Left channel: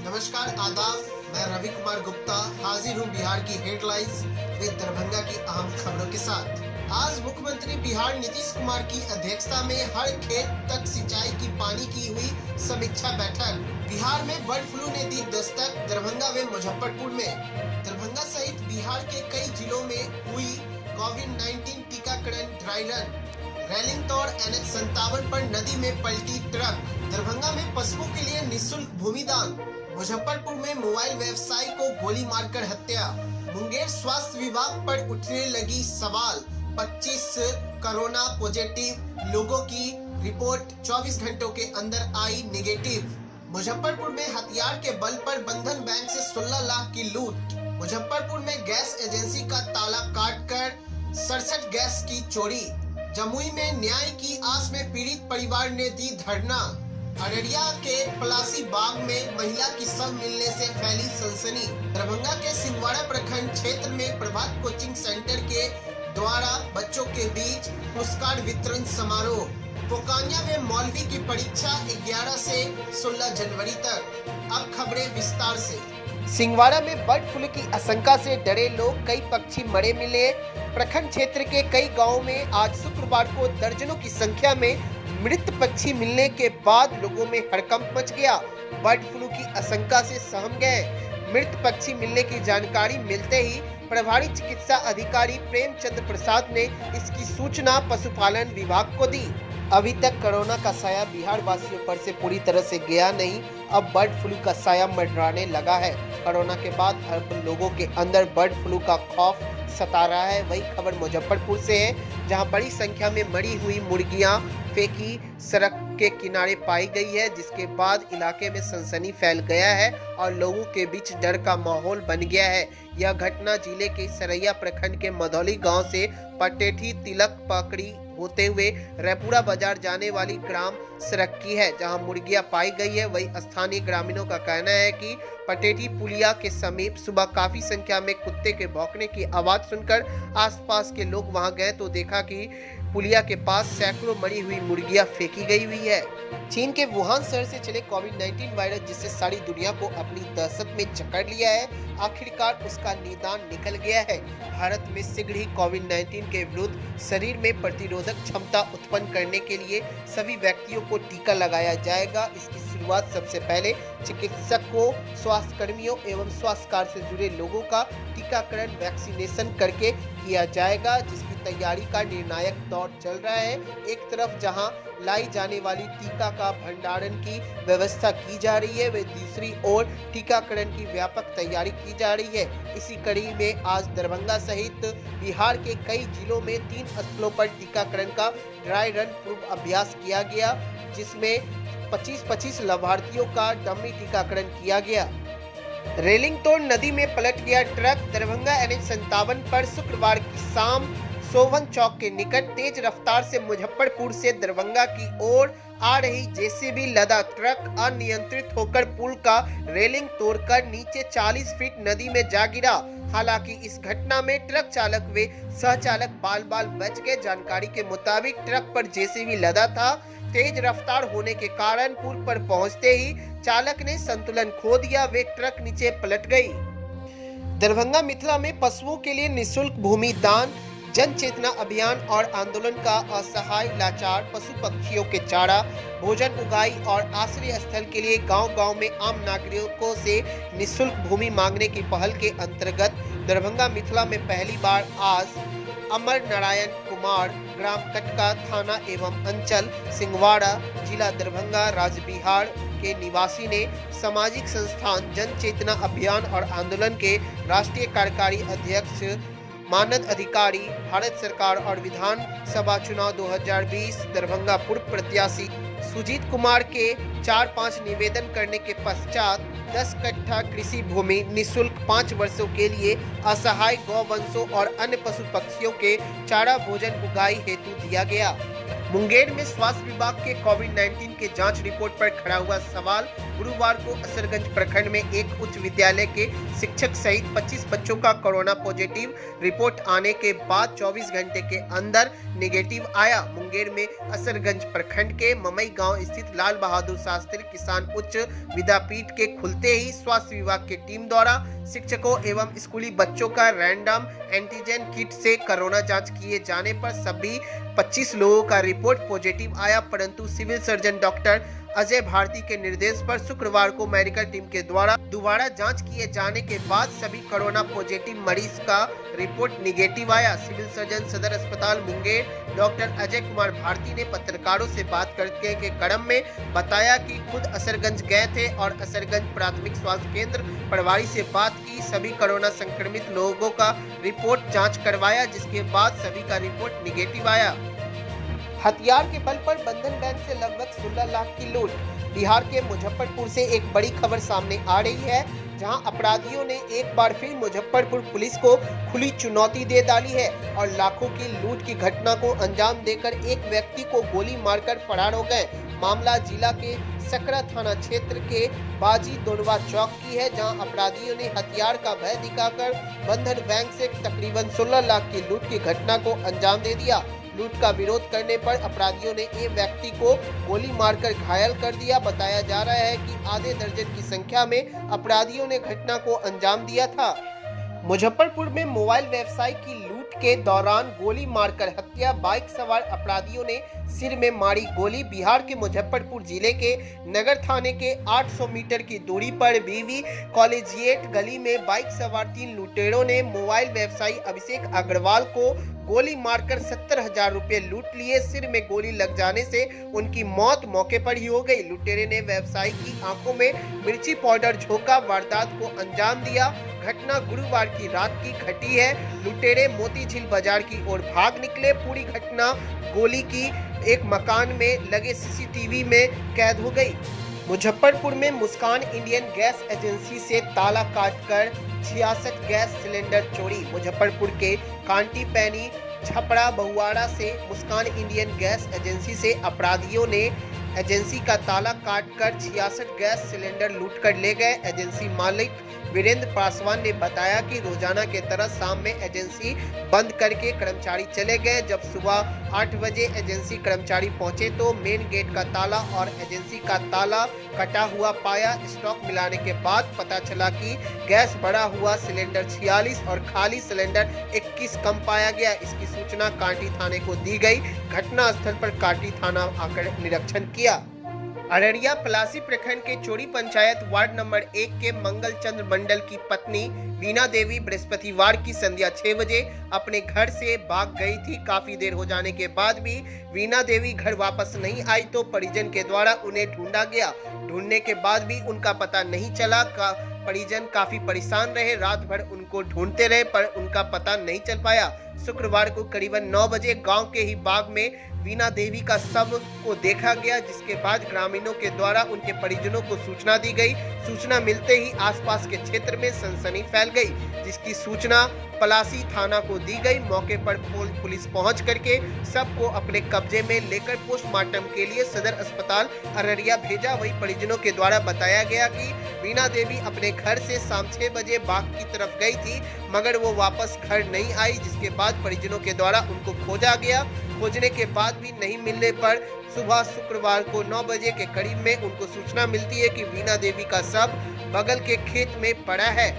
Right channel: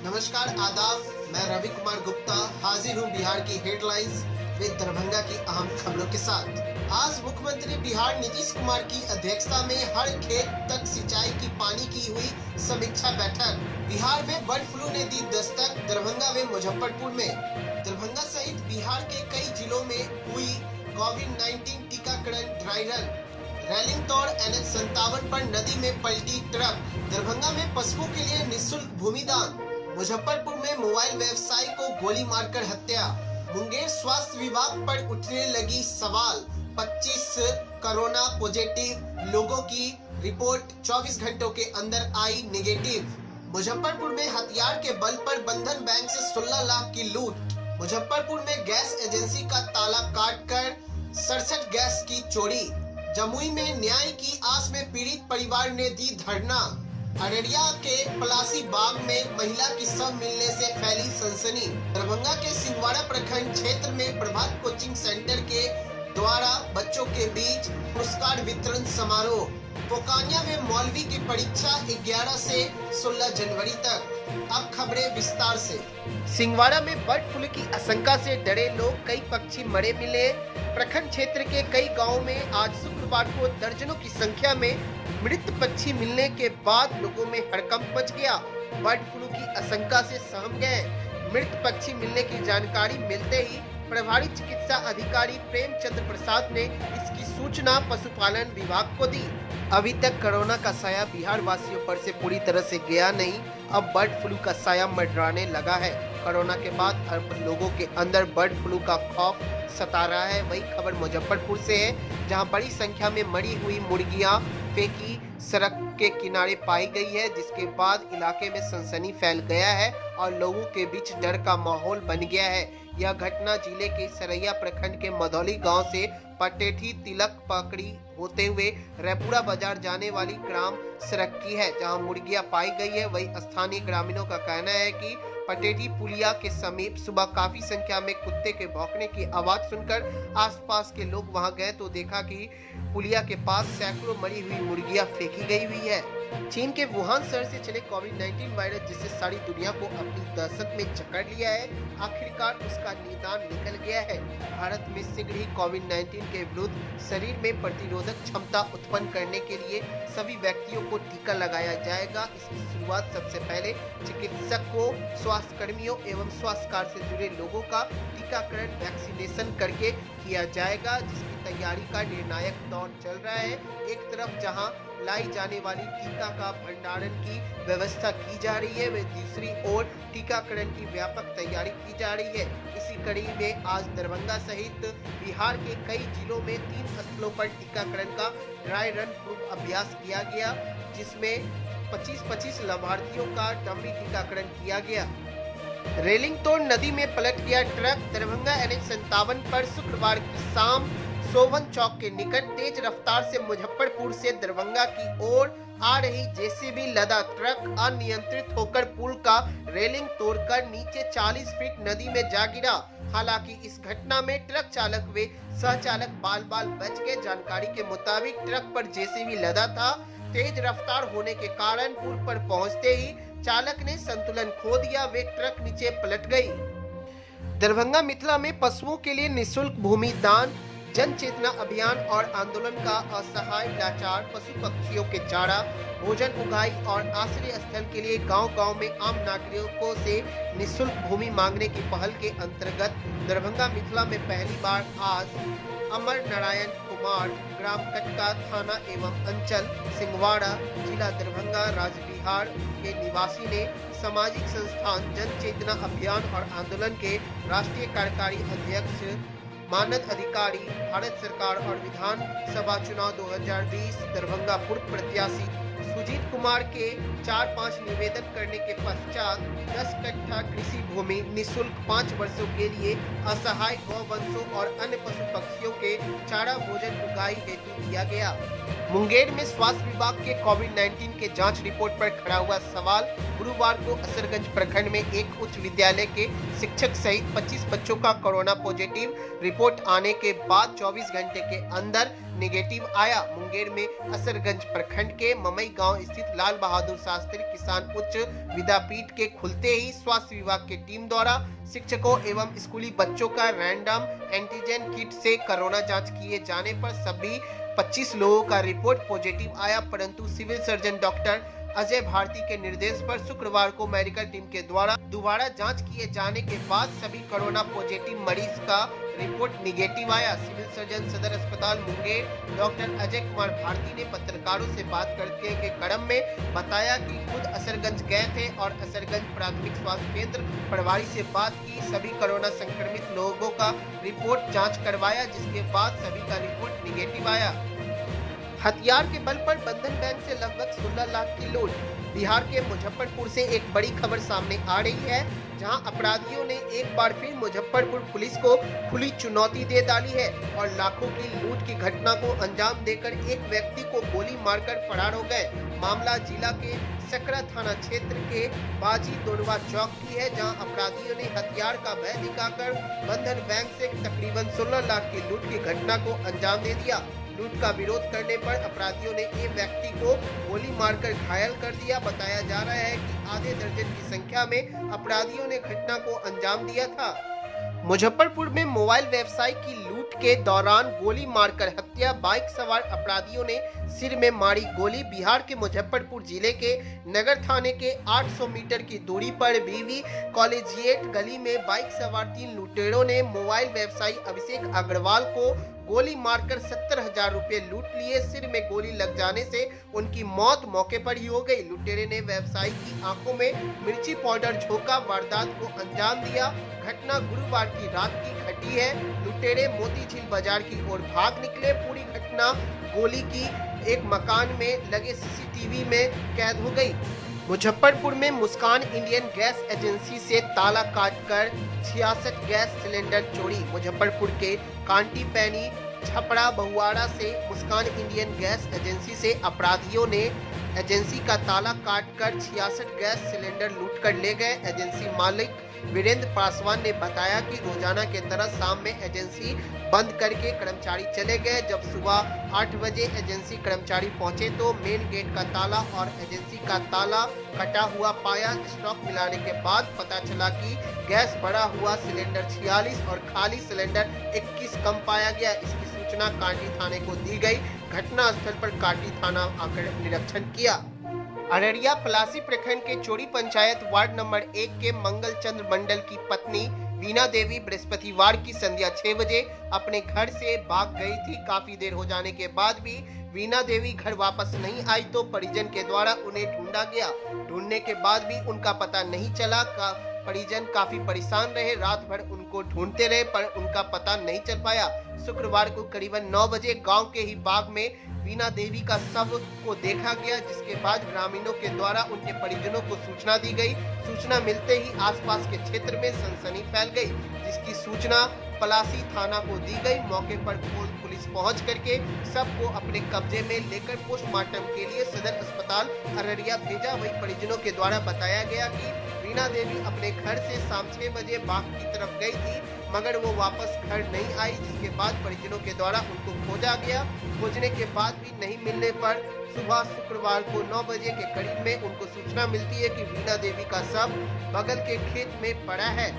नमस्कार आदाब, मैं रवि कुमार गुप्ता हाजिर हूँ बिहार की हेडलाइंस विद दरभंगा की अहम खबरों के साथ। आज मुख्यमंत्री बिहार नीतीश कुमार की अध्यक्षता में हर खेत तक सिंचाई की पानी की हुई समीक्षा बैठक। बिहार में बर्ड फ्लू ने दी दस्तक, दरभंगा व मुजफ्फरपुर में। दरभंगा सहित बिहार के कई जिलों में हुई कोविड-19 टीकाकरण ड्राई रन। रेलिंग तोड़ NH-57 पर नदी में पलटी ट्रक। दरभंगा में पशुओं के लिए निःशुल्क भूमिदान। मुजफ्फरपुर में मोबाइल व्यवसायी को गोली मारकर हत्या। मुंगेर स्वास्थ्य विभाग पर उठने लगी सवाल। 25 कोरोना पॉजिटिव लोगों की रिपोर्ट 24 घंटों के अंदर आई नेगेटिव। मुजफ्फरपुर में हथियार के बल पर बंधन बैंक से 16 लाख की लूट। मुजफ्फरपुर में गैस एजेंसी का ताला काटकर 67 गैस की चोरी। जमुई में न्याय की आस में पीड़ित परिवार ने दी धरना। अररिया के पलासी बाग में महिला की शव मिलने से फैली सनसनी। दरभंगा के सिंहवाड़ा प्रखंड क्षेत्र में प्रभात कोचिंग सेंटर के द्वारा बच्चों के बीच पुरस्कार वितरण समारोह। पोकानिया में मौलवी की परीक्षा 11 से 16 जनवरी तक। अब खबरें विस्तार से। सिंहवाड़ा में बर्ड फ्लू की आशंका से डरे लोग, कई पक्षी मरे मिले। प्रखंड क्षेत्र के कई गांवों में आज शुक्रवार को दर्जनों की संख्या में मृत पक्षी मिलने के बाद लोगों में हड़कंप मच गया। बर्ड फ्लू की आशंका से सहम गए। मृत पक्षी मिलने की जानकारी मिलते ही प्रभारी चिकित्सा अधिकारी प्रेमचंद्र प्रसाद ने इसकी सूचना पशुपालन विभाग को दी। अभी तक कोरोना का साया बिहार वासियों पर से पूरी तरह से गया नहीं, अब बर्ड फ्लू का साया मंडराने लगा है। कोरोना के बाद अब लोगों के अंदर बर्ड फ्लू का खौफ सता रहा है। वही खबर मुजफ्फरपुर से है, जहां बड़ी संख्या में मरी हुई मुर्गियां फेंकी सड़क के किनारे पाई गई है, जिसके बाद इलाके में सनसनी फैल गया है और लोगों के बीच डर का माहौल बन गया है। यह घटना जिले के सरैया प्रखंड के मधौली गांव से पटेठी तिलक पकड़ी होते हुए रैपुरा बाजार जाने वाली ग्राम सड़क की है, जहां मुर्गियां पाई गई है। वही स्थानीय ग्रामीणों का कहना है कि पटेठी पुलिया के समीप सुबह काफी संख्या में कुत्ते के भौंकने की आवाज सुनकर आसपास के लोग वहां गए तो देखा कि पुलिया के पास सैकड़ों मरी हुई मुर्गियां फेंकी गई हुई है। चीन के वुहान शहर से चले कोविड-19 वायरस, जिससे सारी दुनिया को अपनी दहशत में जकड़ लिया है, आखिरकार उसका निदान निकल गया है। भारत में शीघ्र ही कोविड-19 के विरुद्ध शरीर में प्रतिरोधक क्षमता उत्पन्न करने के लिए सभी व्यक्तियों को टीका लगाया जाएगा। इसकी शुरुआत सबसे पहले चिकित्सकों, स्वास्थ्य कर्मियों एवं स्वास्थ्य कार्य से जुड़े लोगों का टीकाकरण वैक्सीनेशन करके किया जाएगा, जिसकी तैयारी का निर्णायक दौर चल रहा है। एक तरफ जहां लाई जाने वाली टीका का भंडारण की व्यवस्था की जा रही है, वे दूसरी ओर टीकाकरण की व्यापक तैयारी की जा रही है। इसी कड़ी में आज दरभंगा सहित बिहार के कई जिलों में 3 स्थलों पर टीकाकरण का ड्राई रन पूर्व अभ्यास किया गया, जिसमें 25-25 लाभार्थियों का डमी टीकाकरण किया गया। रेलिंग तोड़ नदी में पलट गया ट्रक। दरभंगा NH-57 पर शुक्रवार की शाम सोवन चौक के निकट तेज रफ्तार से मुजफ्फरपुर से दरभंगा की ओर आ रही JCB लदा ट्रक अनियंत्रित होकर पुल का रेलिंग तोड़कर नीचे 40 फीट नदी में जा गिरा। हालांकि इस घटना में ट्रक चालक व सहचालक बाल बाल बच गए। जानकारी के मुताबिक ट्रक पर JCB लदा था। तेज रफ्तार होने के कारण पुल पर पहुंचते ही चालक ने संतुलन खो दिया, वे ट्रक नीचे पलट गई। दरभंगा मिथिला में पशुओं के लिए निःशुल्क भूमि दान, जन चेतना अभियान और आंदोलन का असहाय लाचार पशु पक्षियों के चारा, भोजन उगाई और आश्रय स्थल के लिए गांव-गांव में आम नागरिकों से निःशुल्क भूमि मांगने की पहल के अंतर्गत दरभंगा मिथिला में पहली बार आज अमर नारायण कुमार, ग्राम कटका, थाना एवं अंचल सिंहवाड़ा, जिला दरभंगा, राज्य बिहार के निवासी ने सामाजिक संस्थान जन चेतना अभियान और आंदोलन के राष्ट्रीय कार्यकारी अध्यक्ष, मानद अधिकारी, भारत सरकार और विधानसभा चुनाव 2020 दरभंगा पूर्व प्रत्याशी सुजीत कुमार के 4-5 निवेदन करने के पश्चात 10 कट्ठा कृषि भूमि निःशुल्क 5 वर्षों के लिए असहाय गौवंशों और अन्य पशु पक्षियों के चारा भोजन उगाई हेतु दिया गया। मुंगेर में स्वास्थ्य विभाग के कोविड-19 के जांच रिपोर्ट पर खड़ा हुआ सवाल। गुरुवार को असरगंज प्रखंड में एक उच्च विद्यालय के शिक्षक सहित 25 बच्चों का कोरोना पॉजिटिव रिपोर्ट आने के बाद 24 घंटे के अंदर नेगेटिव आया। मुंगेर में असरगंज प्रखंड के ममई गांव स्थित लाल बहादुर शास्त्री किसान उच्च विद्यापीठ के खुलते ही स्वास्थ्य विभाग की टीम द्वारा शिक्षकों एवं स्कूली बच्चों का रैंडम एंटीजन किट से कोरोना जांच किए जाने पर सभी 25 लोगों का रिपोर्ट पॉजिटिव आया, परंतु civil surgeon doctor Ajay Bharati के निर्देश पर शुक्रवार को मेडिकल टीम के द्वारा दोबारा जांच किए जाने के बाद सभी कोरोना पॉजिटिव मरीज का रिपोर्ट निगेटिव आया। सिविल सर्जन सदर अस्पताल मुंगेर डॉक्टर अजय कुमार भारती ने पत्रकारों से बात करते के क्रम में बताया कि खुद असरगंज गए थे और असरगंज प्राथमिक स्वास्थ्य केंद्र प्रभारी से बात की। सभी कोरोना संक्रमित लोगों का रिपोर्ट जाँच करवाया, जिसके बाद सभी का रिपोर्ट निगेटिव आया। हथियार के बल पर बंधन बैंक से लगभग 16 लाख की लूट। बिहार के मुजफ्फरपुर से एक बड़ी खबर सामने आ रही है, जहां अपराधियों ने एक बार फिर मुजफ्फरपुर पुलिस को खुली चुनौती दे डाली है और लाखों की लूट की घटना को अंजाम देकर एक व्यक्ति को गोली मारकर फरार हो गए। मामला जिला के सकरा थाना क्षेत्र के बाजी दोड़वा चौक की है, जहां अपराधियों ने हथियार का भय दिखाकर बंधन बैंक से तकरीबन 16 लाख की लूट की घटना को अंजाम दे दिया। लूट का विरोध करने पर अपराधियों ने एक व्यक्ति को गोली मारकर घायल कर दिया। बताया जा रहा है कि आधे दर्जन की संख्या में अपराधियों ने घटना को अंजाम दिया था। मुजफ्फरपुर में मोबाइल व्यवसाय की लूट के दौरान गोली मारकर हत्या। बाइक सवार अपराधियों ने सिर में मारी गोली। बिहार के मुजफ्फरपुर जिले के नगर थाने के 800 मीटर की दूरी पर बीवी कॉलेजिएट गली में बाइक सवार 3 लुटेरों ने मोबाइल व्यवसायी अभिषेक अग्रवाल को गोली मारकर 70,000 रुपए लूट लिए। सिर में गोली लग जाने से उनकी मौत मौके पर ही हो गई। लुटेरे ने व्यवसायी की आंखों में मिर्ची पाउडर झोंका, वारदात को अंजाम दिया। घटना गुरुवार की रात की घटी है। लुटेरे मोती झील बाजार की ओर भाग निकले। पूरी घटना गोली की एक मकान में लगे सीसीटीवी में कैद हो गई। मुजफ्फरपुर में मुस्कान इंडियन गैस एजेंसी से ताला काटकर 66 गैस सिलेंडर चोरी। मुजफ्फरपुर के कांटी पैनी छपड़ा बहुआड़ा से मुस्कान इंडियन गैस एजेंसी से अपराधियों ने एजेंसी का ताला काटकर 66 गैस सिलेंडर लूटकर ले गए। एजेंसी मालिक वीरेंद्र पासवान ने बताया कि रोजाना के तरह शाम में एजेंसी बंद करके कर्मचारी चले गए। जब सुबह 8 बजे एजेंसी कर्मचारी पहुंचे तो मेन गेट का ताला और एजेंसी का ताला कटा हुआ पाया। स्टॉक मिलाने के बाद पता चला कि गैस भरा हुआ सिलेंडर 46 और खाली सिलेंडर 21 कम पाया गया। इसकी सूचना कांटी थाने को दी गई। घटना स्थल पर कांटी थाना आकर निरीक्षण किया। अररिया पलासी प्रखंड के चोरी पंचायत वार्ड नंबर 1 के मंगल चंद्र मंडल की पत्नी वीना देवी बृहस्पतिवार की संध्या 6 बजे अपने घर से भाग गई थी। काफी देर हो जाने के बाद भी वीना देवी घर वापस नहीं आई तो परिजन के द्वारा उन्हें ढूंढा गया। ढूंढने के बाद भी उनका पता नहीं चला। परिजन काफी परेशान रहे। रात भर उनको ढूंढते रहे पर उनका पता नहीं चल पाया। शुक्रवार को करीबन 9 बजे गांव के ही बाग में वीना देवी का शव को देखा गया, जिसके बाद ग्रामीणों के द्वारा उनके परिजनों को सूचना दी गई। सूचना मिलते ही आसपास के क्षेत्र में सनसनी फैल गई, जिसकी सूचना पलासी थाना को दी गई। मौके पर पुलिस पहुंच करके शव को अपने कब्जे में लेकर पोस्टमार्टम के लिए सदर अस्पताल अररिया भेजा। वहीं परिजनों के द्वारा बताया गया कि वीना देवी अपने घर से शाम 6 बजे बाग की तरफ गई थी, मगर वो वापस घर नहीं आई, जिसके बाद परिजनों के द्वारा उनको खोजा गया। खोजने के बाद भी नहीं मिलने पर सुबह शुक्रवार को 9 बजे के करीब में उनको सूचना मिलती है कि वीना देवी का शव बगल के खेत में पड़ा है।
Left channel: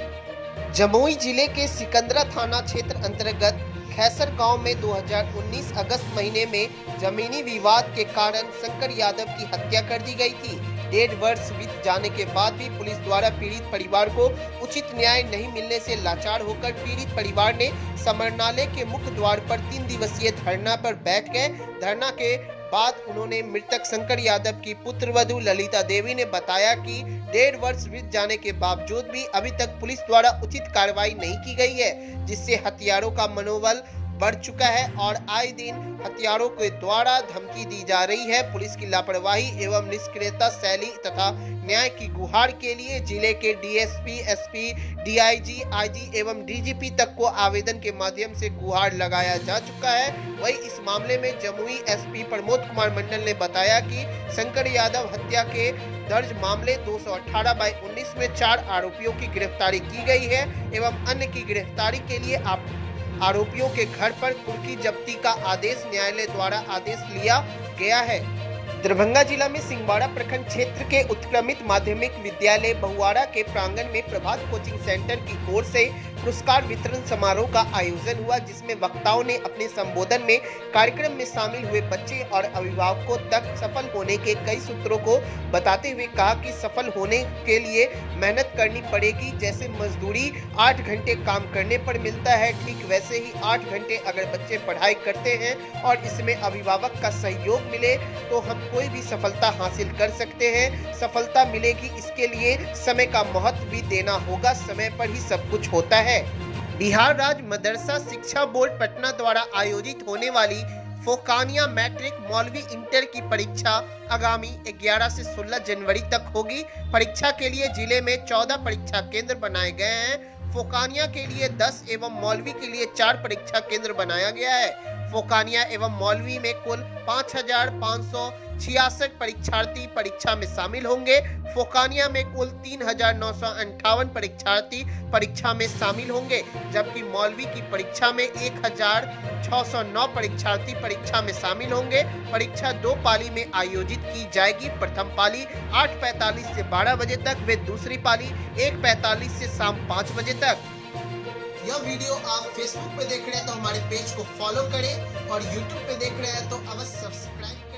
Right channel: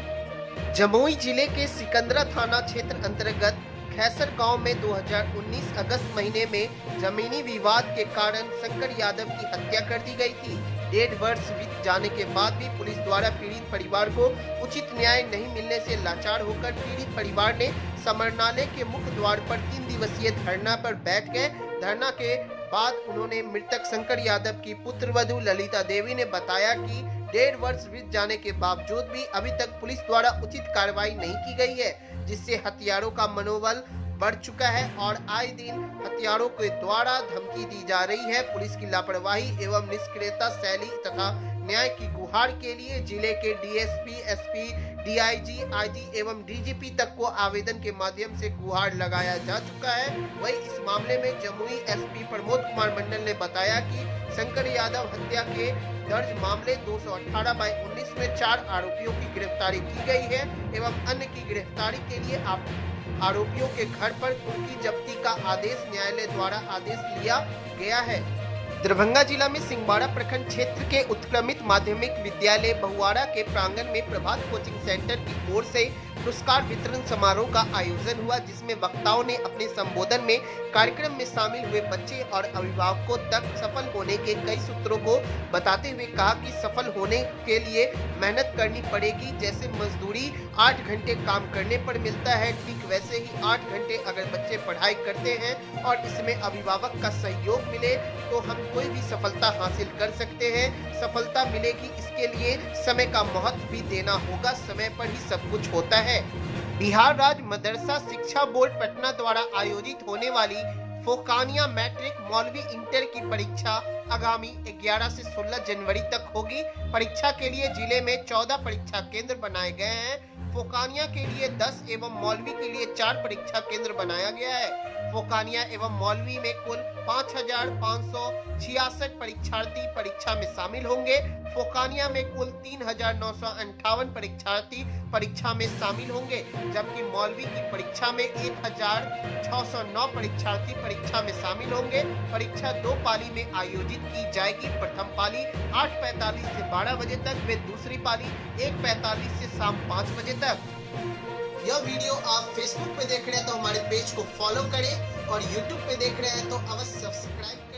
जमुई जिले के सिकंदरा थाना क्षेत्र अंतर्गत खैसर गांव में 2019 अगस्त महीने में जमीनी विवाद के कारण शंकर यादव की हत्या कर दी गई थी। 1.5 वर्ष बीत जाने के बाद भी पुलिस द्वारा पीड़ित परिवार को उचित न्याय नहीं मिलने से लाचार होकर पीड़ित परिवार ने समरनालय के मुख्य द्वार पर 3 दिवसीय धरना पर बैठ गए। धरना के बाद उन्होंने मृतक शंकर यादव की पुत्रवधू ललिता देवी ने बताया कि 1.5 वर्ष बीत जाने के बावजूद भी अभी तक पुलिस द्वारा उचित कार्रवाई नहीं की गई है, जिससे हत्यारों का मनोबल बढ़ चुका है और आए दिन हथियारों के द्वारा धमकी दी जा रही है। पुलिस की लापरवाही एवं निष्क्रियता शैली तथा न्याय की गुहार के लिए जिले के डीएसपी, एसपी, डीआईजी, आईजी एवं डीजीपी तक को आवेदन के माध्यम से गुहार लगाया जा चुका है। वहीं इस मामले में जमुई एसपी प्रमोद कुमार मंडल ने बताया कि शंकर यादव हत्या के दर्ज मामले 218/19 में 4 आरोपियों की गिरफ्तारी की गई है एवं अन्य की गिरफ्तारी के लिए आरोपियों के घर पर कुर्की जब्ती का आदेश न्यायालय द्वारा आदेश लिया गया है। दरभंगा जिला में सिंहवाड़ा प्रखंड क्षेत्र के उत्क्रमित माध्यमिक विद्यालय बहुआड़ा के प्रांगण में प्रभात कोचिंग सेंटर की ओर से पुरस्कार वितरण समारोह का आयोजन हुआ, जिसमें वक्ताओं ने अपने संबोधन में कार्यक्रम में शामिल हुए बच्चे और अभिभावकों तक सफल होने के कई सूत्रों को बताते हुए कहा कि सफल होने के लिए मेहनत करनी पड़ेगी। जैसे मजदूरी 8 घंटे काम करने पर मिलता है, ठीक वैसे ही 8 घंटे अगर बच्चे पढ़ाई करते हैं और इसमें अभिभावक का सहयोग मिले तो हम कोई भी सफलता हासिल कर सकते हैं। सफलता मिलेगी, इसके लिए समय का महत्व भी देना होगा, समय पर ही सब कुछ होता है। बिहार राज्य मदरसा शिक्षा बोर्ड पटना द्वारा आयोजित होने वाली फोकानिया मैट्रिक मौलवी इंटर की परीक्षा आगामी 11 से 16 जनवरी तक होगी। परीक्षा के लिए जिले में 14 परीक्षा केंद्र बनाए गए हैं। फोकानिया के लिए 10 एवं मौलवी के लिए 4 परीक्षा केंद्र बनाया गया है। फोकानिया एवं मौलवी में कुल 5,566 परीक्षार्थी परीक्षा में शामिल होंगे। फोकानिया में कुल 3,958 परीक्षार्थी परीक्षा में शामिल होंगे, जबकि मौलवी की परीक्षा में 1,609 परीक्षार्थी परीक्षा में शामिल होंगे। परीक्षा 2 पाली में आयोजित की जाएगी। प्रथम पाली 8:45 से 12 बजे तक व दूसरी पाली 1:45 से शाम 5 बजे तक। यह वीडियो आप फेसबुक पे देख रहे हैं तो हमारे पेज को फॉलो करें और यूट्यूब पे देख रहे हैं तो अवश्य सब्सक्राइब